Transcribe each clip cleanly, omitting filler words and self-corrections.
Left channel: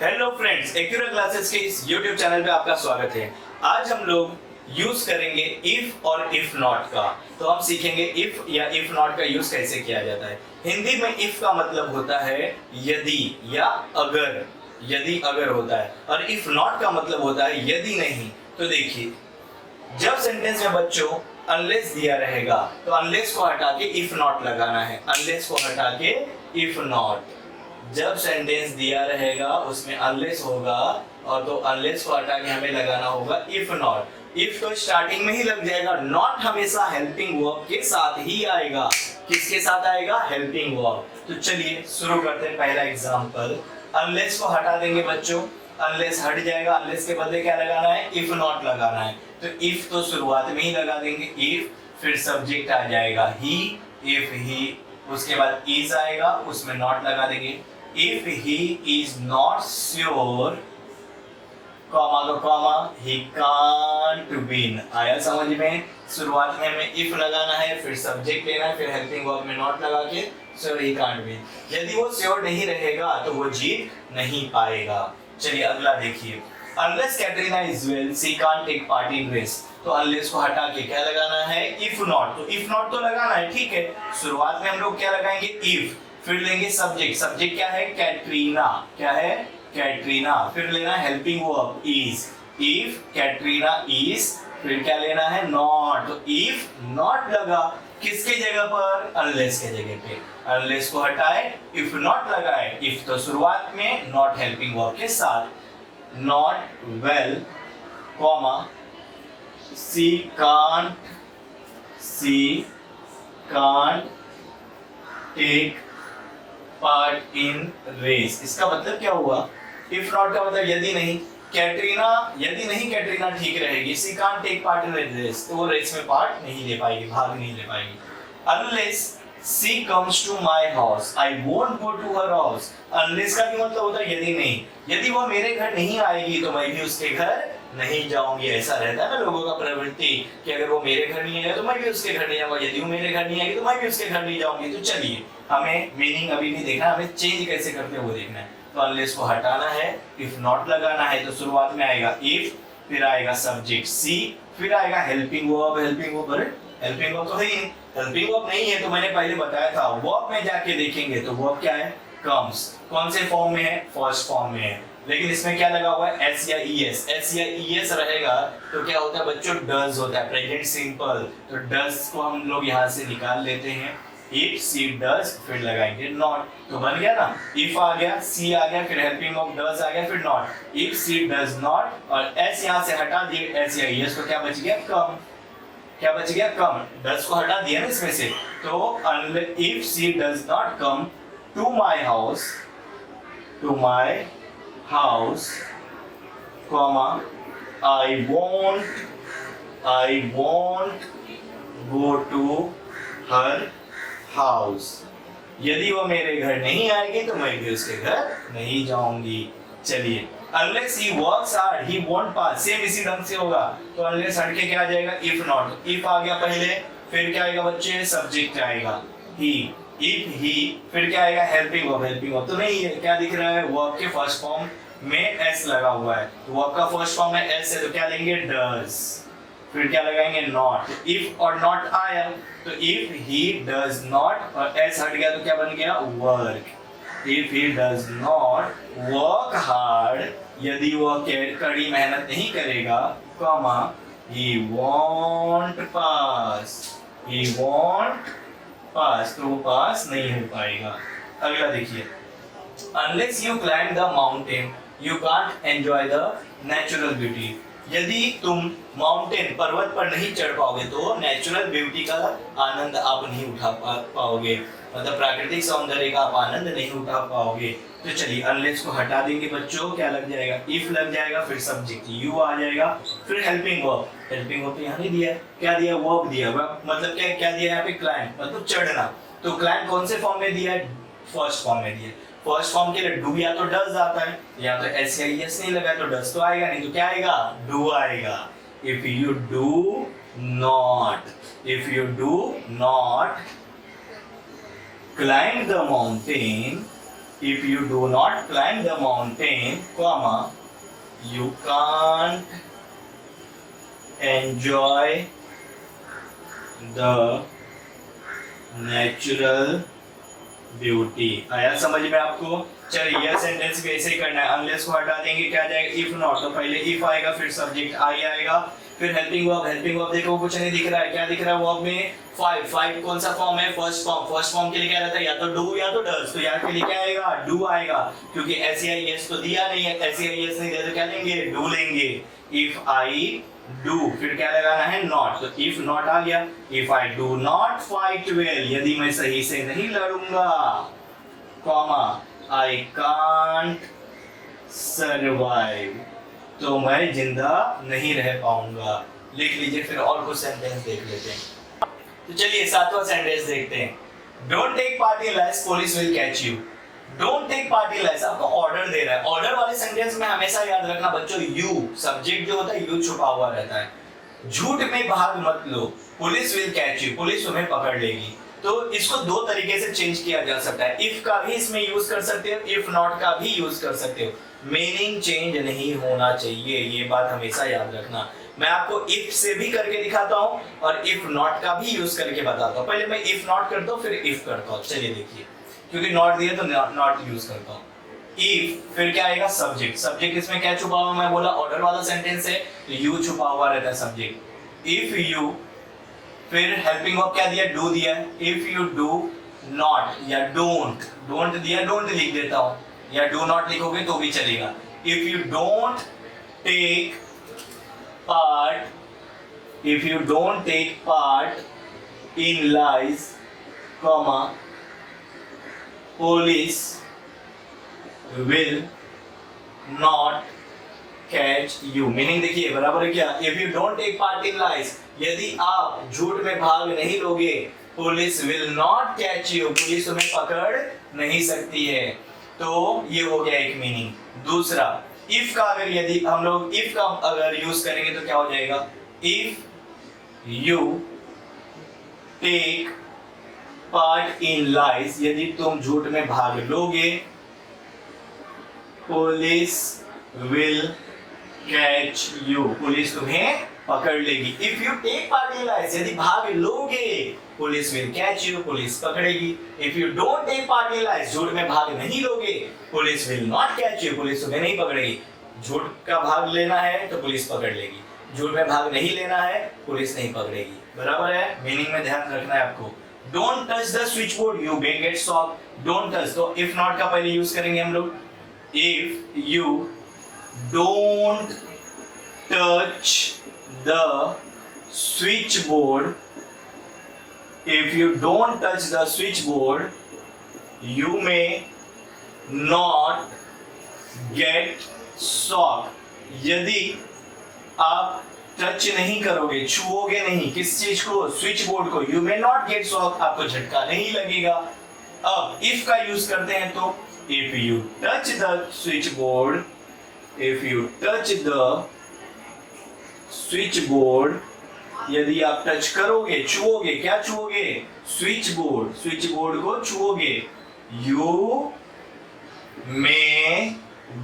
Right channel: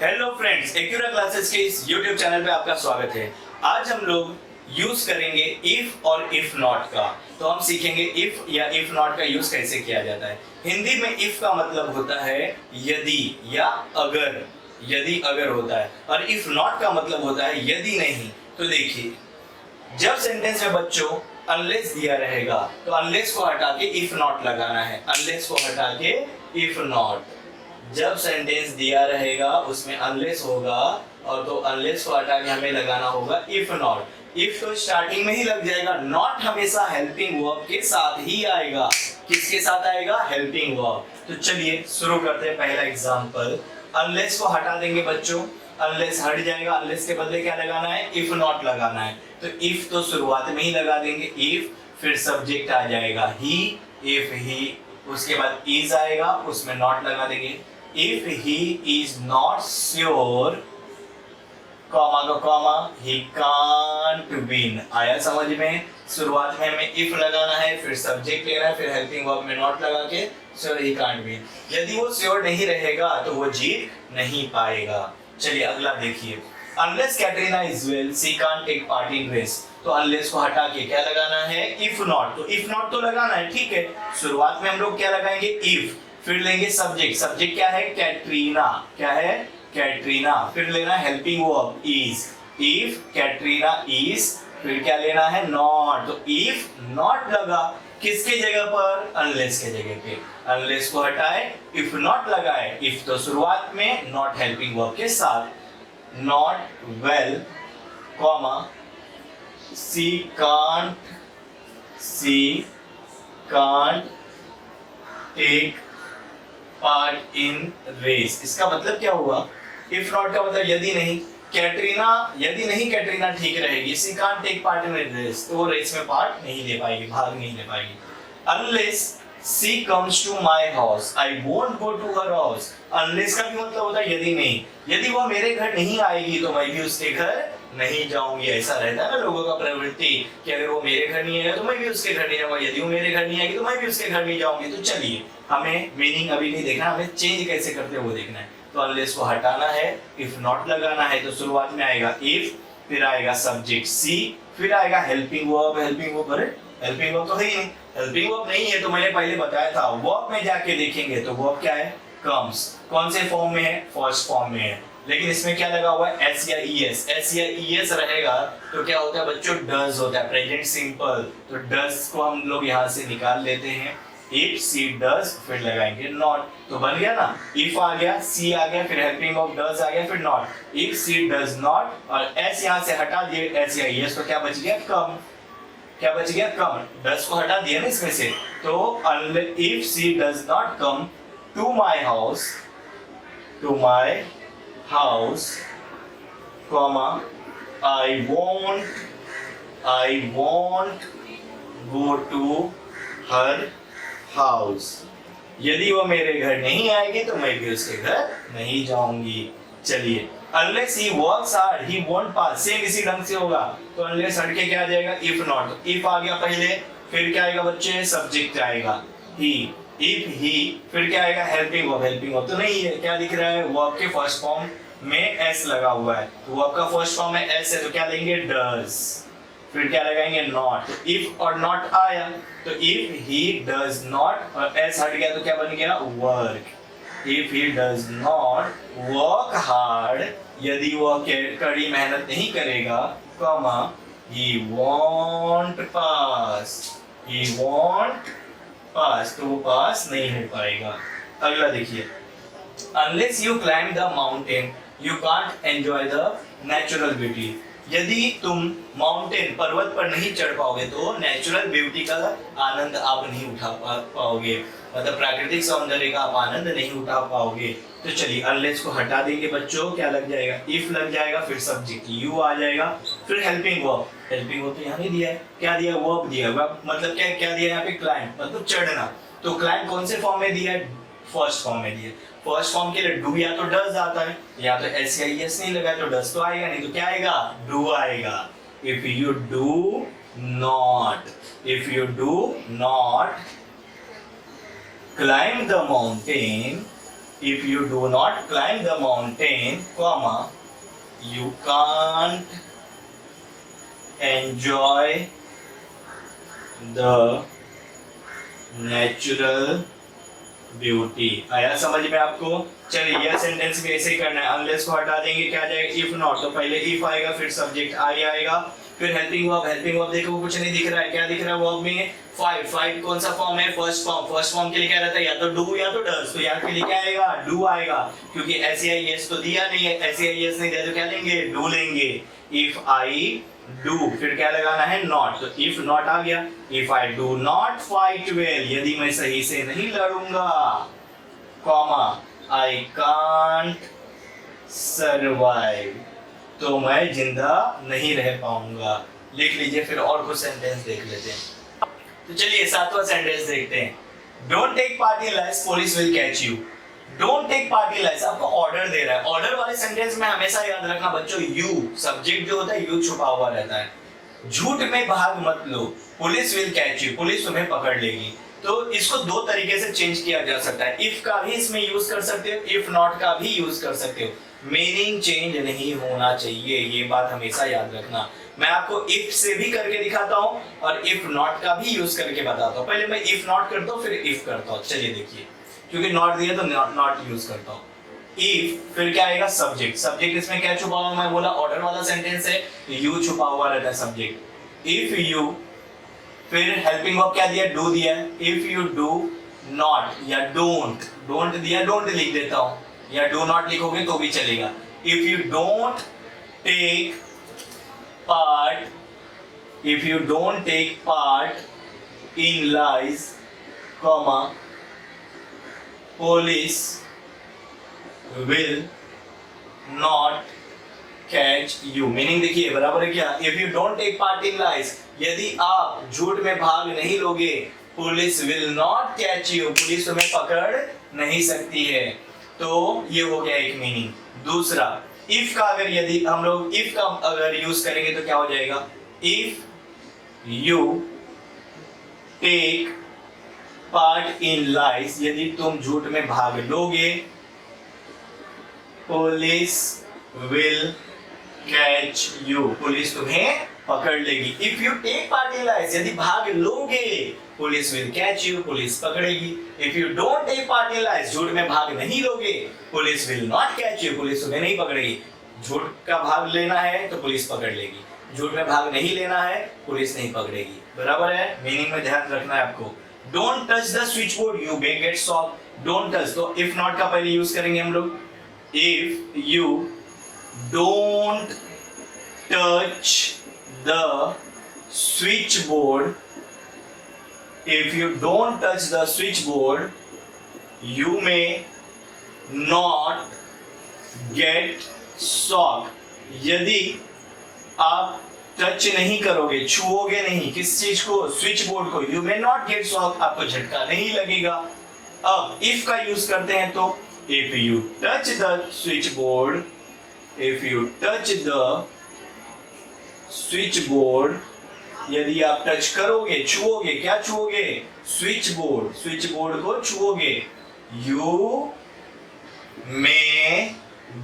Hello friends, Acura classes के इस YouTube channel पे आपका स्वागत है। आज हम लोग यूज करेंगे इफ और इफ नॉट का। तो हम सीखेंगे इफ या इफ नॉट का यूज कैसे किया जाता है। हिंदी में इफ का मतलब होता है यदि या अगर, यदि अगर होता है, और इफ नॉट का मतलब होता है यदि नहीं। तो देखिए, जब सेंटेंस में बच्चों अनलेस दिया रहेगा तो अनलेस को हटा के इफ नॉट लगाना है। अनलेस को हटा के इफ नॉट। जब सेंटेंस दिया रहेगा उसमें अनलेस होगा और तो अनलेस को हटा के हमें लगाना होगा इफ नॉट। इफ तो स्टार्टिंग में ही लग जाएगा, नॉट हमेशा हेल्पिंग वर्ब के साथ ही आएगा। किसके साथ आएगा? Helping verb. तो चलिए शुरू करते हैं पहला एग्जांपल। अनलेस को हटा देंगे बच्चों, अनलेस हट जाएगा। अनलेस के बदले क्या लगाना है? इफ नॉट लगाना है। तो इफ तो शुरुआत में ही लगा देंगे इफ, फिर सब्जेक्ट आ जाएगा ही, इफ ही, उसके बाद इज आएगा, उसमें नॉट लगा देंगे। If he is not sure, comma का कॉमा, ही कांट विन। आया समझ में? शुरुआत में हमें इफ लगाना है, फिर सब्जेक्ट लेना है, फिर हेल्पिंग वर्ब में नॉट लगा के श्योर ही कांट विन। यदि वो श्योर नहीं रहेगा तो वो जीत नहीं पाएगा। चलिए अगला देखिए। Unless Katrina is well she can't take part in race. तो अनलेस को हटा के क्या लगाना है? If not. तो इफ नॉट तो लगाना है, ठीक है। शुरुआत में हम लोग क्या लगाएंगे? इफ, फिर लेंगे सब्जेक्ट। सब्जेक्ट क्या है? कैटरीना। क्या है? कैटरीना। फिर लेना helping verb is. If Katrina is, फिर क्या लेना है? नॉट। तो इफ नॉट लगा किसके जगह पर? अनलेस के जगह पे। अनलेस को हटाए, इफ नॉट लगाए। इफ तो शुरुआत में, नॉट हेल्पिंग वर्ब के साथ। Not well, comma, she can't take part in race. इसका मतलब क्या हुआ? इफ नॉट का मतलब यदि नहीं। कैटरीना, यदि नहीं कैटरीना ठीक रहेगी, she can't take part in race, तो वो रेस में पार्ट नहीं ले पाएगी, भाग नहीं ले पाएगी। Unless she comes to my house I won't go to her house. Unless का भी मतलब होता है यदि नहीं। यदि वो मेरे घर नहीं आएगी तो मैं भी उसके घर नहीं जाऊंगी। ऐसा रहता है ना लोगों का प्रवृत्ति कि अगर वो मेरे घर नहीं आएगा तो मैं भी उसके घर नहीं जाऊंगा, यदि वो मेरे घर नहीं आएगी तो मैं भी उसके घर नहीं जाऊंगी। तो चलिए, हमें मीनिंग अभी नहीं देखना, हमें चेंज कैसे करते हैं वो देखना है। तो अनलेस को हटाना है, इफ नॉट लगाना है। तो शुरुआत में आएगा इफ, फिर आएगा सब्जेक्ट सी, फिर आएगा हेल्पिंग वर्ब। हेल्पिंग वर्ब, अरे हेल्पिंग वर्ब तो है ही नहीं। हेल्पिंग वर्ब नहीं है तो मैंने पहले बताया था, वर्ब में जाके देखेंगे तो वर्ब क्या है? कम्स। कौन से फॉर्म में है? फर्स्ट फॉर्म में है। लेकिन इसमें क्या लगा हुआ है? एस या ई एस। एस या ई एस रहेगा तो क्या होता है बच्चों? डज होता है, प्रेजेंट सिंपल। तो डज को हम लोग यहाँ से निकाल लेते हैं। इफ सी डज, फिर लगाएंगे नॉट। तो बन गया ना, इफ आ गया, सी आ गया, फिर हेल्पिंग ऑफ डज आ गया, फिर not. If she does not, और एस यहाँ से हटा दिए, एस या ई एस, तो क्या बच गया? कम। क्या बच गया? कम। डज को हटा दिया ना इसमें से। तो if she does not come to my house, to my house, comma, I won't go to her house. यदि वो मेरे घर नहीं आएगी तो मैं भी उसके घर नहीं जाऊंगी। चलिए, unless he works hard, he won't pass. Same इसी ढंग से होगा। तो unless हट के क्या आ जाएगा? if not. if आ गया पहले, फिर क्या आएगा बच्चे? सब्जेक्ट आएगा he. इफ ही, फिर क्या आएगा? Helping verb. हेल्पिंग वर्ब तो नहीं है, क्या दिख रहा है? वर्ब के फर्स्ट फॉर्म में एस लगा हुआ है। तो वर्ब का फर्स्ट फॉर्म में एस है तो क्या लेंगे? डज। फिर क्या लगाएंगे? नॉट। इफ और नॉट आया तो इफ ही डज नॉट, और एस हट गया तो क्या बन गया? Work. If he does not work hard, यदि वह कड़ी मेहनत नहीं करेगा, कॉमा, ही वॉन्ट पास। ही वॉन्ट पास, तो वो पास नहीं हो पाएगा। अगला देखिए। Unless you climb the mountain, you can't enjoy the natural beauty. यदि तुम माउंटेन, पर्वत पर नहीं चढ़ पाओगे तो नेचुरल ब्यूटी का आनंद आप नहीं उठा पाओगे, मतलब प्राकृतिक सौंदर्य का आप आनंद नहीं उठा पाओगे। तो चलिए, अनलेस को हटा देंगे बच्चों, क्या लग जाएगा? इफ लग जाएगा, फिर सब्जेक्ट यू आ जाएगा, फिर हेल्पिंग वर्ब। हेल्पिंग वर्ब यहाँ नहीं दिया है, क्या दिया? वर्ब दिया। मतलब क्या क्या दिया यहाँ पे? क्लाइंब, मतलब चढ़ना। तो क्लाइंब कौन से फॉर्म में दिया है? फर्स्ट फॉर्म में दिया। फर्स्ट फॉर्म के लिए डू या तो डज आता है, या तो एस या एस नहीं लगा तो डज तो आएगा नहीं, तो क्या आएगा? डू आएगा। If you do not, if you do not climb the mountain, if you do not climb the mountain, comma, you can't enjoy the natural beauty. आया समझ में आपको? चलिए यह सेंटेंस भी ऐसे ही करना है। अनलेस को हटा देंगे, क्या आ जाएगा? If not. तो पहले इफ आएगा, फिर सब्जेक्ट आई आएगा, फिर हेल्पिंग वर्ब। हेल्पिंग वर्ब देखो कुछ नहीं दिख रहा है, क्या दिख रहा है वर्ब में? फाइव कौन सा फॉर्म है? First form. फर्स्ट फॉर्म के लिए क्या रहता है? या तो डू या तो डज। तो यहाँ के लिए क्या आएगा? डू आएगा, क्योंकि एस तो दिया नहीं है। एस नहीं दिया तो क्या लेंगे? डू लेंगे। इफ आई डू, फिर क्या लगाना है? नॉट। तो इफ नॉट आ गया। If I do not fight well, यदि मैं सही से नहीं लड़ूंगा, कॉमा, आई कांट सर्वाइव, तो मैं जिंदा नहीं रह पाऊंगा। लिख लीजिए, फिर और कुछ सेंटेंस देख लेते हैं। तो चलिए 7वां सेंटेंस देखते हैं। Don't take part in lies, police will catch you. Don't take part in lies आपको ऑर्डर दे रहा है। ऑर्डर वाले सेंटेंस में हमेशा याद रखना बच्चों, यू सब्जेक्ट जो होता है यू छुपा हुआ रहता है। झूठ में भाग मत लो, police will catch you, police तुम्हें पकड़ लेगी। तो इसको दो तरीके से चेंज किया जा सकता है। इफ का भी इसमें यूज कर सकते हो, इफ नॉट का भी यूज कर सकते हो। मीनिंग चेंज नहीं होना चाहिए, ये बात हमेशा याद रखना। मैं आपको इफ से भी करके दिखाता हूं और इफ नॉट का भी यूज करके बताता हूं। पहले मैं इफ नॉट करता हूं, फिर इफ करता हूं। चलिए देखिए, क्योंकि नॉट दिया तो नॉट यूज करता हूं। इफ, फिर क्या आएगा? सब्जेक्ट। सब्जेक्ट इसमें क्या छुपा हुआ? मैं बोला ऑर्डर वाला सेंटेंस है, यू छुपा हुआ रहता है सब्जेक्ट। इफ यू, फिर हेल्पिंग वर्ब क्या दिया? डू दिया। इफ यू डू नॉट या डोंट, डोंट दिया, डोंट लिख देता हूं, या डू नॉट लिखोगे तो भी चलेगा। If you don't take part, if you don't take part in lies, comma, police will not catch you। Meaning देखिए बराबर है क्या? if you don't take part in lies, यदि आप झूठ में भाग नहीं लोगे, police will not catch you, police तुम्हें पकड़ नहीं सकती है। तो ये हो गया एक मीनिंग। दूसरा, इफ का अगर यदि हम लोग इफ का अगर यूज करेंगे तो क्या हो जाएगा? If you take part in lies, यदि तुम झूठ में भाग लोगे, police will catch you, police तुम्हें पकड़ लेगी। If you take part in lies, यदि भाग लोगे, police will catch you, police पकड़ेगी। If you don't take part in lies, झूठ में भाग नहीं लोगे, police will not catch you, police तुम्हें नहीं पकड़ेगी। झूठ का भाग लेना है तो पुलिस पकड़ लेगी, झूठ में भाग नहीं लेना है, पुलिस नहीं पकड़ेगी। बराबर है? मीनिंग में ध्यान रखना है आपको। Don't touch the switch board, you may gate shock. Don't touch, तो इफ नॉट का पहले यूज करेंगे हम लोग। If you don't touch the switchboard, if you don't touch the switchboard, you may not get shock। यदि आप touch नहीं करोगे, छुओगे नहीं, किस चीज को? स्विच बोर्ड को, you may not get shock, आपको झटका नहीं लगेगा। अब if का यूज करते हैं तो if you touch the switchboard, if you touch the switch board, यदि आप टच करोगे, छुओगे, क्या छुओगे? स्विच बोर्ड, स्विच बोर्ड को छुओगे, यू मे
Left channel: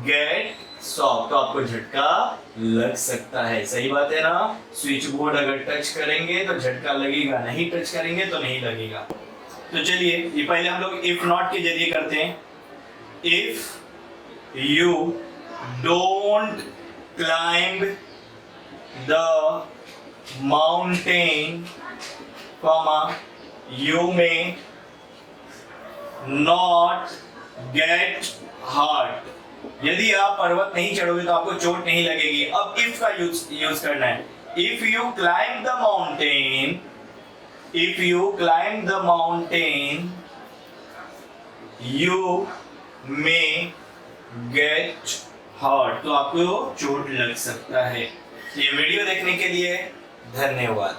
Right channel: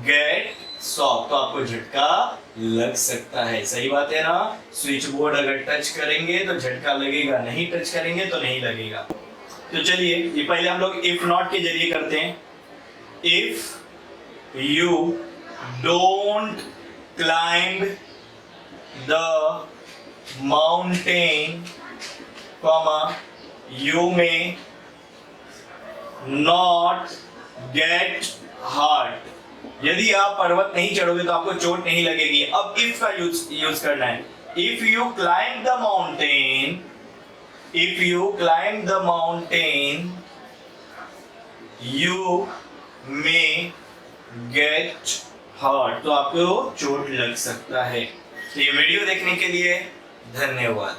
गेट शॉक, तो आपको झटका लग सकता है। सही बात है ना? स्विच बोर्ड अगर टच करेंगे तो झटका लगेगा, नहीं टच करेंगे तो नहीं लगेगा। तो चलिए ये पहले हम लोग इफ नॉट के जरिए करते हैं। If you don't climb the mountain, comma, you may not get hurt। यदि आप पर्वत नहीं चढ़ोगे तो आपको चोट नहीं लगेगी। अब इफ का यूज करना है। If you climb the mountain, if you climb the mountain, you may get hurt, तो आपको चोट लग सकता है। ये वीडियो देखने के लिए धन्यवाद।